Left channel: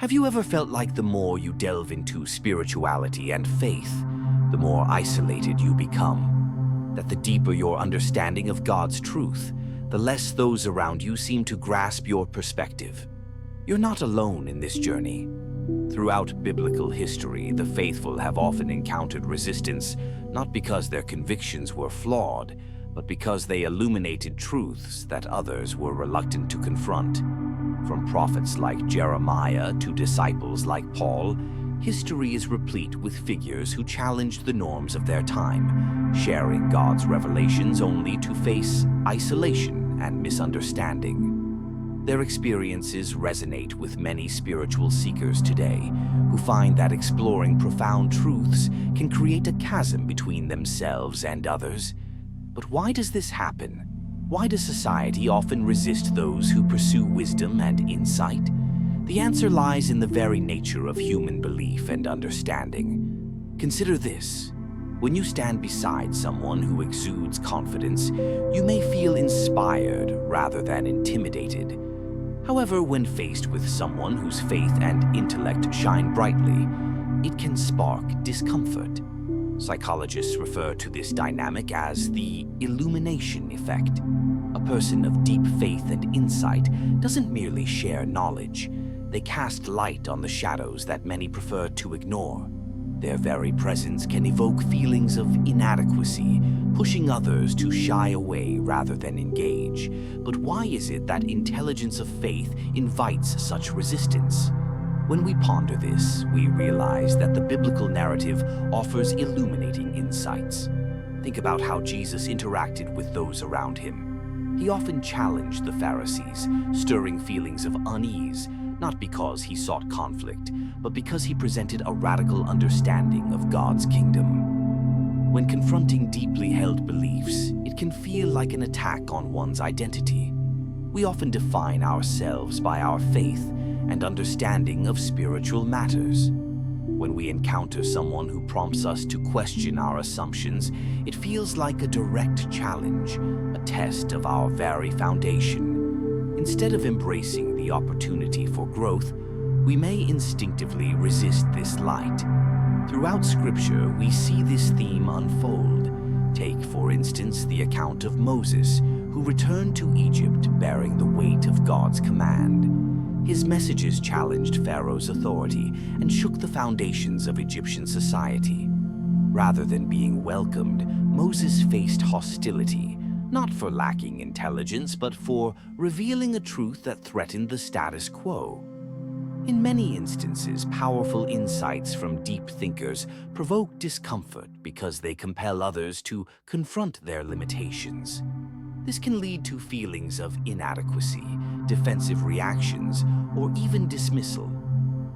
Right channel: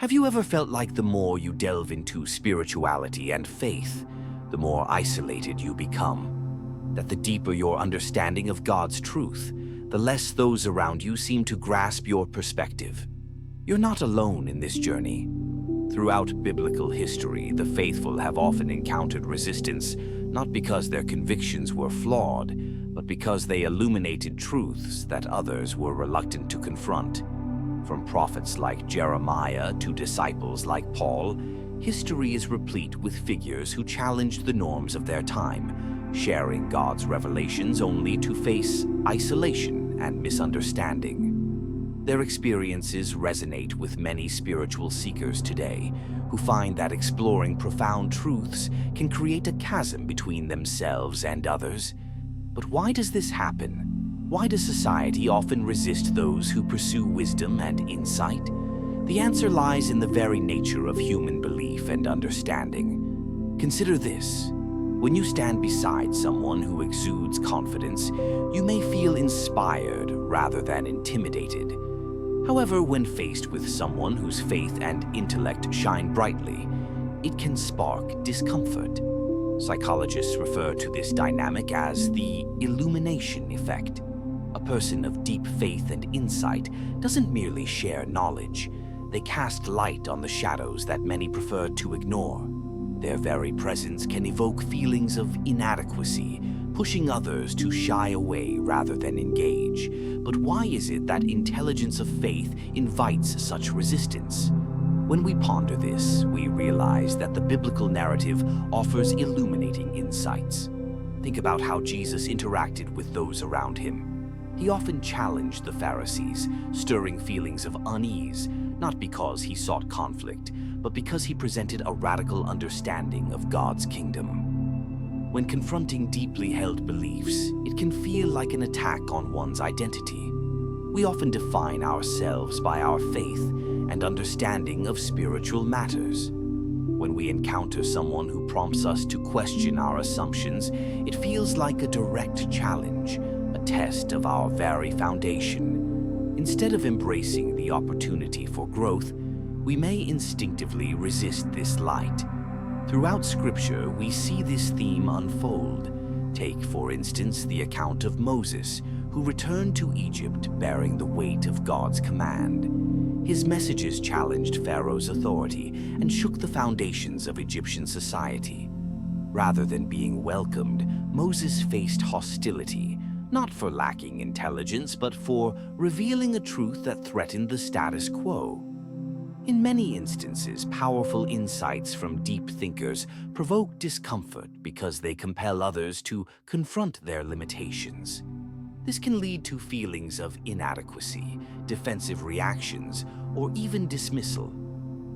Have you ever felt like the more you delve into spirituality and faith, the more isolated you become? That the deeper your understanding of God's truth, the less those around you seem to grasp your perspective. You're not alone in this journey. Throughout biblical history, the faithful have often encountered resistance, not because their convictions were flawed, but because they illuminated truths that others were reluctant to confront. From prophets like Jeremiah to disciples like Paul, history is replete with figures who challenged the norms of their time, sharing God's revelations only to face isolation and misunderstanding. Their experiences resonate with many spiritual seekers today, who find that exploring profound truths can create a chasm between themselves and others. But why does this happen? Why does society often resist those who pursue wisdom and insight? The answer lies in the very nature of human belief and understanding. Consider this. When you stand beside someone who exudes confidence, you may feel inspired rather than intimidated. However, when faced with someone whose faith and intellect shine brightly, it can spark discomfort. Psychologists refer to this dynamic as the illumination effect. A person of deep faith and insight doesn't merely share knowledge, they cast light on the shadows that many prefer to ignore. Their very presence can evoke feelings of inadequacy, pushing others to shy away rather than engage. But why is it that intelligence of faith invites such resistance? When we ponder this, we realize that the biblical narrative offers illuminating insights. Think about how Jesus interacted with those around him. He often challenged the Pharisees, stirring feelings of unease, not because he sought conflict, but because he presented a radical understanding of God's kingdom. When confronting deeply held beliefs, it can feel like an attack on one's identity. We often define ourselves by our faith and understanding of spiritual matters. When we encounter someone who prompts us to question our assumptions, it feels like a direct challenge, a test of our very foundation. Instead of embracing the opportunity for growth, we may instinctively resist this light. Throughout Scripture, we see this theme unfold. Take, for instance, the account of Moses, who returned to Egypt bearing the weight of God's command. His messages challenged Pharaoh's authority and shook the foundations of Egyptian society. Rather than being welcomed, Moses faced hostility, not for lacking intelligence, but for revealing a truth that threatened the status quo. In many instances, powerful insights from deep thinkers provoke discomfort because they compel others to confront their limitations. This can lead to feelings of inadequacy, defensive reactions, or even dismissal.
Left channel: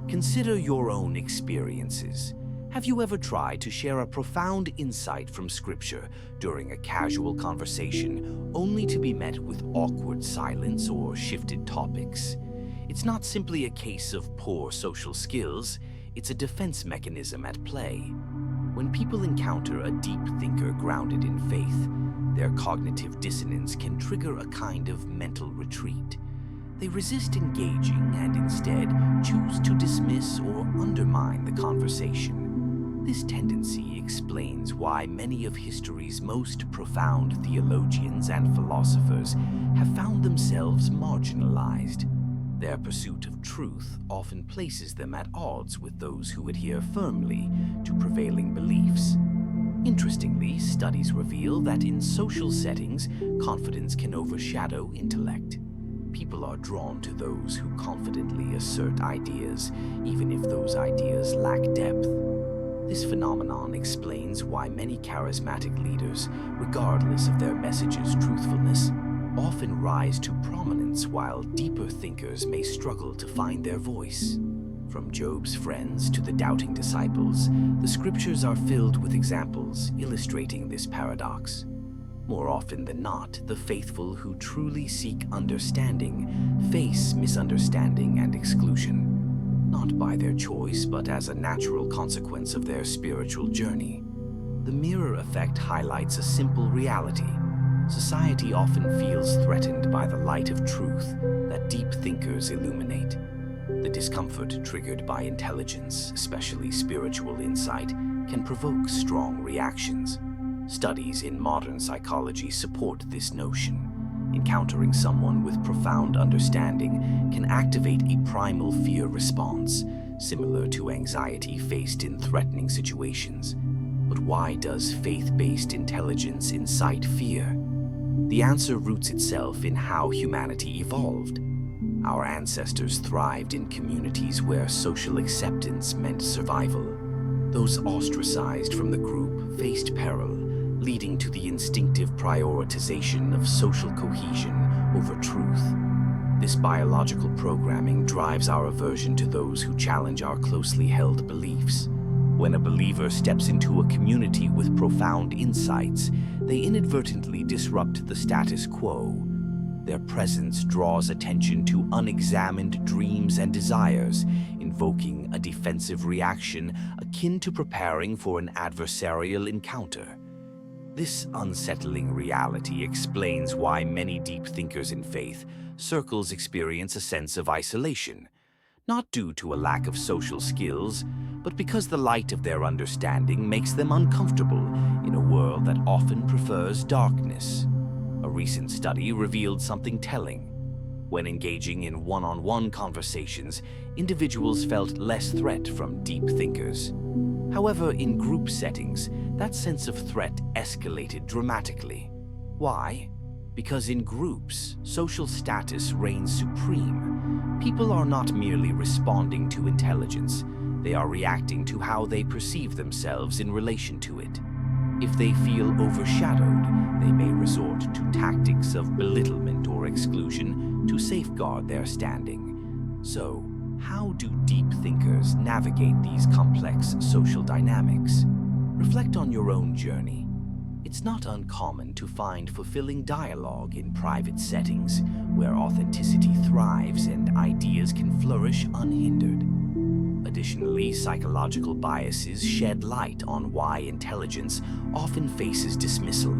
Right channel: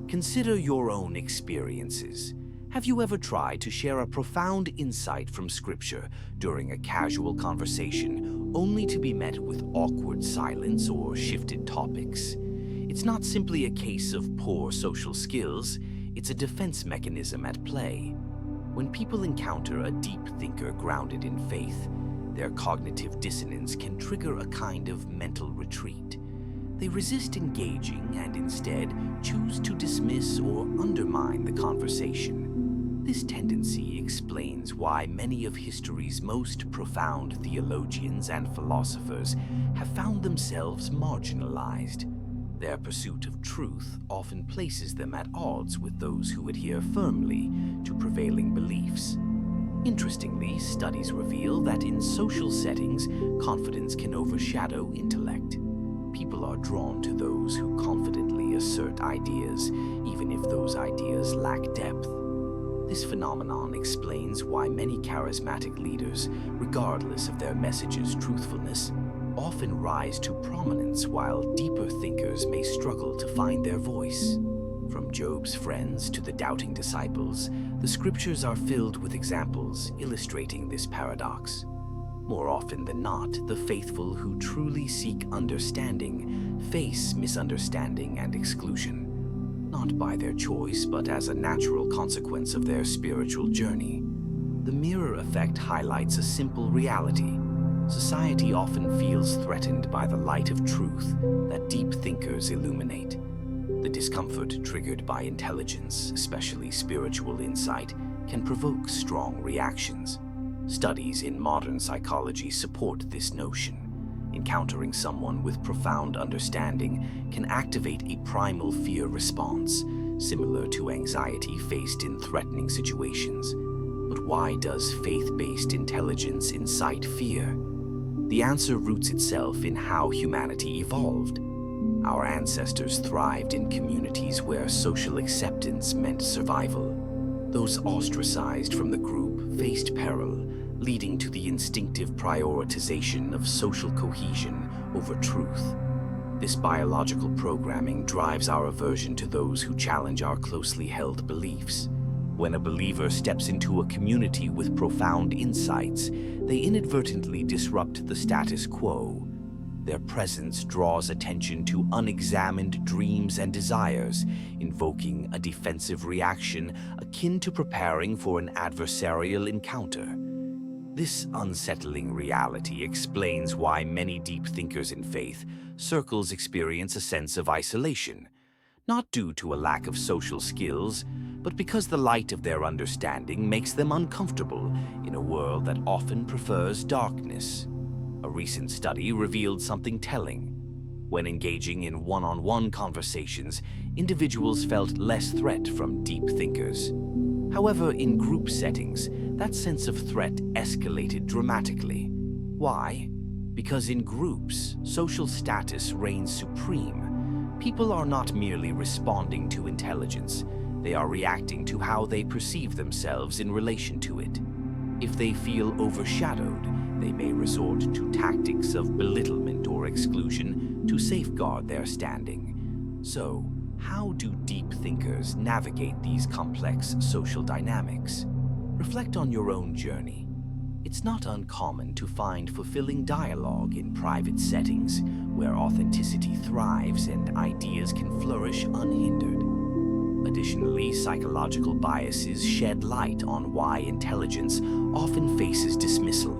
Consider your own experiences. Have you ever tried to share a profound insight from Scripture during a casual conversation, only to be met with awkward silence or shifted topics? It's not simply a case of poor social skills, it's a defense mechanism at play. When people encounter a deep thinker grounded in faith, their cognitive dissonance can trigger a kind of mental retreat. They resist engaging and instead choose to dismiss or undermine the conversation. This tendency explains why many of history's most profound theologians and philosophers have found themselves marginalized. Their pursuit of truth often places them at odds with those who adhere firmly to prevailing beliefs. Interestingly, studies reveal that in social settings, confidence can overshadow intellect. People are drawn to those who confidently assert ideas, even if those ideas lack depth. This phenomenon explains why many charismatic leaders, regardless of their message's truthfulness, often rise to prominence while deeper thinkers may struggle to find their voice. From Job's friends to the doubting disciples, the Scriptures are filled with examples illustrating this paradox. More often than not, the faithful who truly seek understanding face misunderstanding and exclusion, not by their choice but as a natural consequence of their spiritual journey. The mirror effect highlights a simple reality. Society often feels threatened by the light of truth that deep thinkers illuminate. The discomfort triggered by intelligence, especially spiritual insight, can provoke strong reactions. Studies in modern psychology support this notion. Encountering someone with profound understanding can activate a primal fear response, similar to anxiety faced in threatening situations. But why does faith-based intelligence incite fear? The answer roots itself in how humanity evolved. Our ancestors thrived in communities where social acceptance meant survival. Those ostracized from the group faced peril, leading to the instinctive prioritization of social cohesion over truth. This biological programming drives our aversion to those who challenge our closely held beliefs. When a believer steps into a community with profound insights, they inadvertently disrupt the status quo. Their presence draws attention to unexamined dreams and desires, invoking a defensive reaction akin to preparing for an adversarial encounter. This unsettling reality explains why many deep thinkers in faith circles experience a sense of isolation, not due to a lack of social skills, but because the light of their understanding makes them uncomfortable in a world that often prefers darkness. A recent study revealed something telling. When engaging in one-on-one conversations, individuals felt less threat from deep thinkers. However, in group settings, that sense of threat escalated dramatically. Why? Because in groups, social status reigns supreme. People are not merely responding to intelligence, they are reacting to how they perceive themselves in relation to it. If they feel overshadowed, they may resort to tactics of belittlement or exclusion to safeguard their standing. So, how do deep thinkers navigate these complex social dynamics? Reflect on your own journey. It's not uncommon to find fulfilling dialogue in private settings where authenticity thrives and ideas can flourish unhindered. Additionally, psychological biases shed light on why intelligence often faces dismissal.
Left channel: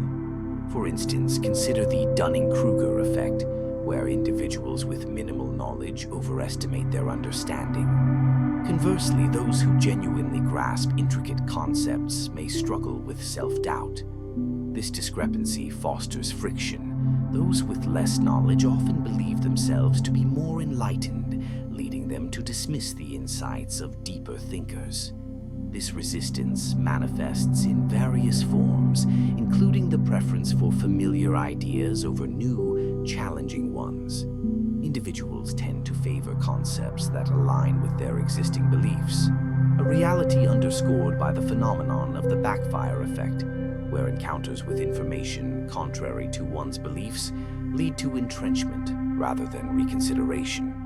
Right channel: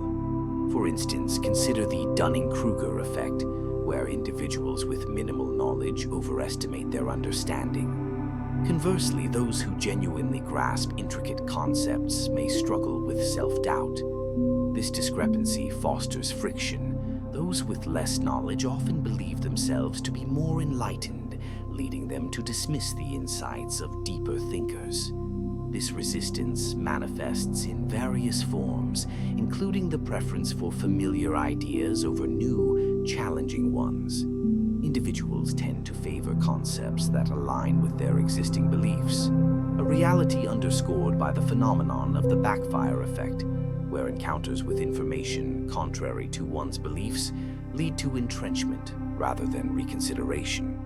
For instance, consider the Dunning-Kruger effect, where individuals with minimal knowledge overestimate their understanding. Conversely, those who genuinely grasp intricate concepts may struggle with self-doubt. This discrepancy fosters friction. Those with less knowledge often believe themselves to be more enlightened, leading them to dismiss the insights of deeper thinkers. This resistance manifests in various forms, including the preference for familiar ideas over new, challenging ones. Individuals tend to favor concepts that align with their existing beliefs, a reality underscored by the phenomenon of the backfire effect, where encounters with information contrary to one's beliefs lead to entrenchment rather than reconsideration.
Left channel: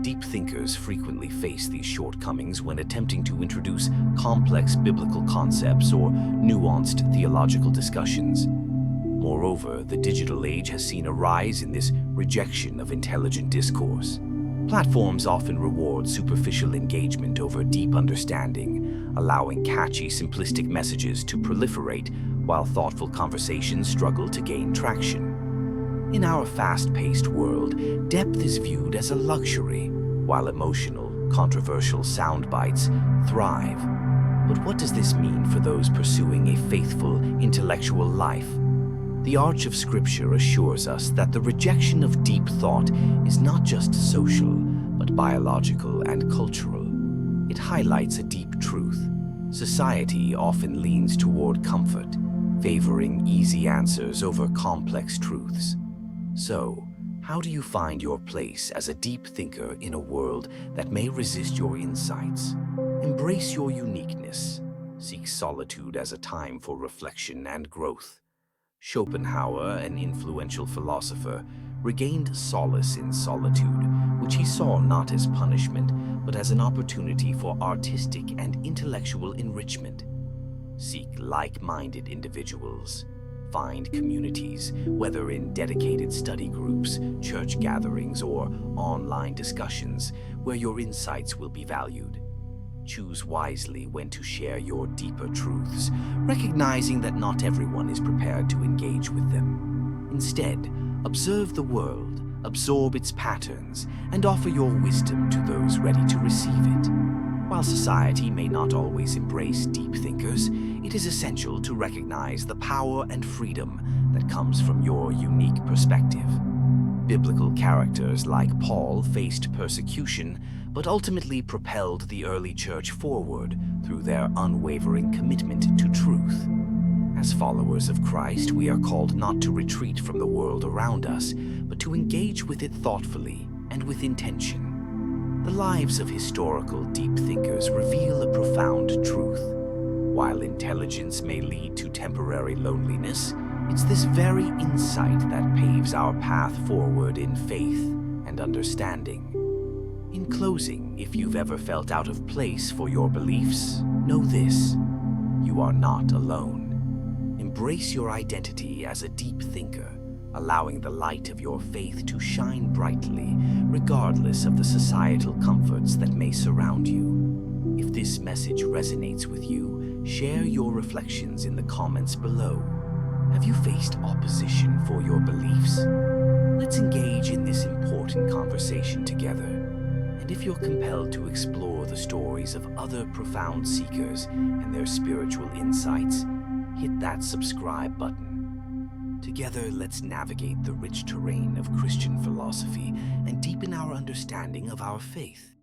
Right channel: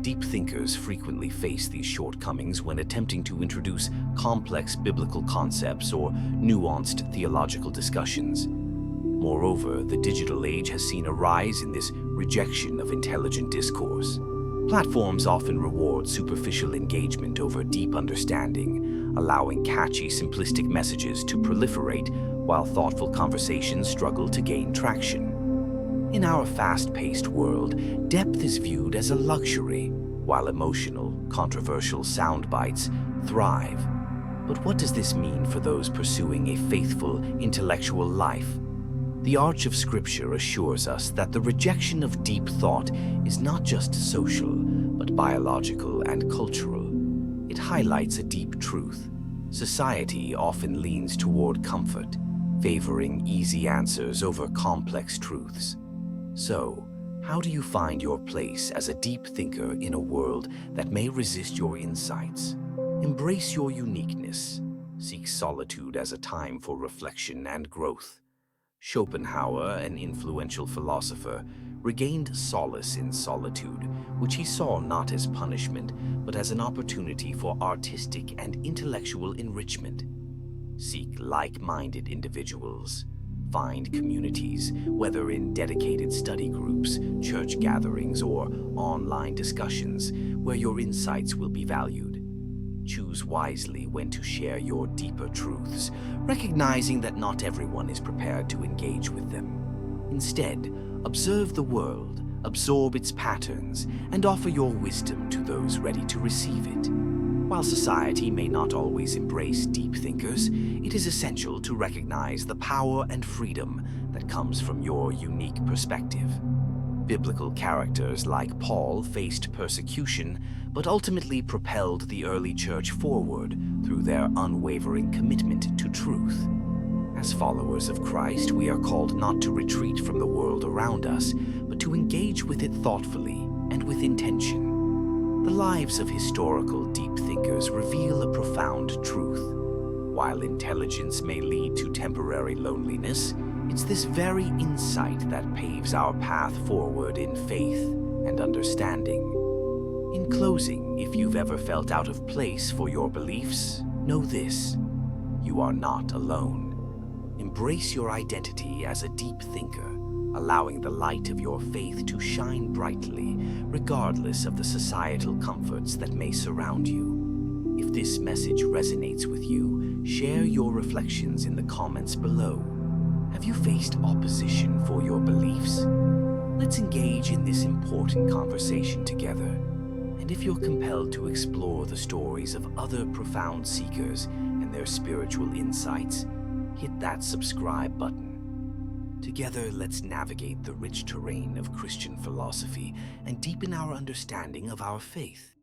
Deep thinkers frequently face these shortcomings when attempting to introduce complex biblical concepts or nuanced theological discussions. Moreover, the digital age has seen a rise in this rejection of intelligent discourse. Platforms often reward superficial engagement over deep understanding, allowing catchy, simplistic messages to proliferate while thoughtful conversations struggle to gain traction. In our fast-paced world, depth is viewed as a luxury, while emotional, controversial sound bites thrive. But what does this mean for those pursuing a faithful, intellectual life? The arch of Scripture assures us that the rejection of deep thought is not just social, but biological and cultural. It highlights a deep truth. Society often leans toward comfort, favoring easy answers over complex truths. So, how do you find your place as a deep thinker in a world that may resist your insights? Embrace your uniqueness. Seek solitude as a time for reflection and growth. Schopenhauer, an influential philosopher, regained solace in solitude, which he saw not as punishment, but as an opportunity for artistic and intellectual enrichment. Seek like-minded individuals. Find communities, whether in dedicated study groups, church gatherings, or online discussions, where your insights will be valued. Choose wisely when to share your deeper truths, recognizing that not everyone is prepared to engage with them. Instead, observe the world, absorb its patterns, and offer your wisdom to those ready to receive it. While society may not always embrace deep thinkers, it is essential to recognize the power and freedom that comes from your unique perspective. Biblical characters like Paul faced persecution, but ultimately propelled the early church forward through their unwavering commitment to truth. As followers of Christ, we are called not to retreat from the world around us, but to engage with it thoughtfully and with intention. The lives of historical deep thinkers reveal a profound truth. While intelligence may lead to temporary loneliness, it's this very insight that paves our path forward in faith and understanding. In closing, if you've ever felt out of place for your beliefs, know this: you are not alone. Embrace your identity as a deep thinker, allowing the light of your faith to shine brightly, regardless of the societal comforts that may surround you. If this message resonates with you, share your reflections in the comments below. Have you faced opposition for your beliefs? Let's engage in this important conversation together. And if you're compelled to explore the stories of other profound seekers and their spiritual insights, hit that subscribe button. Together, let's navigate the rich terrain of Christian philosophy and deepen our understanding of our faith.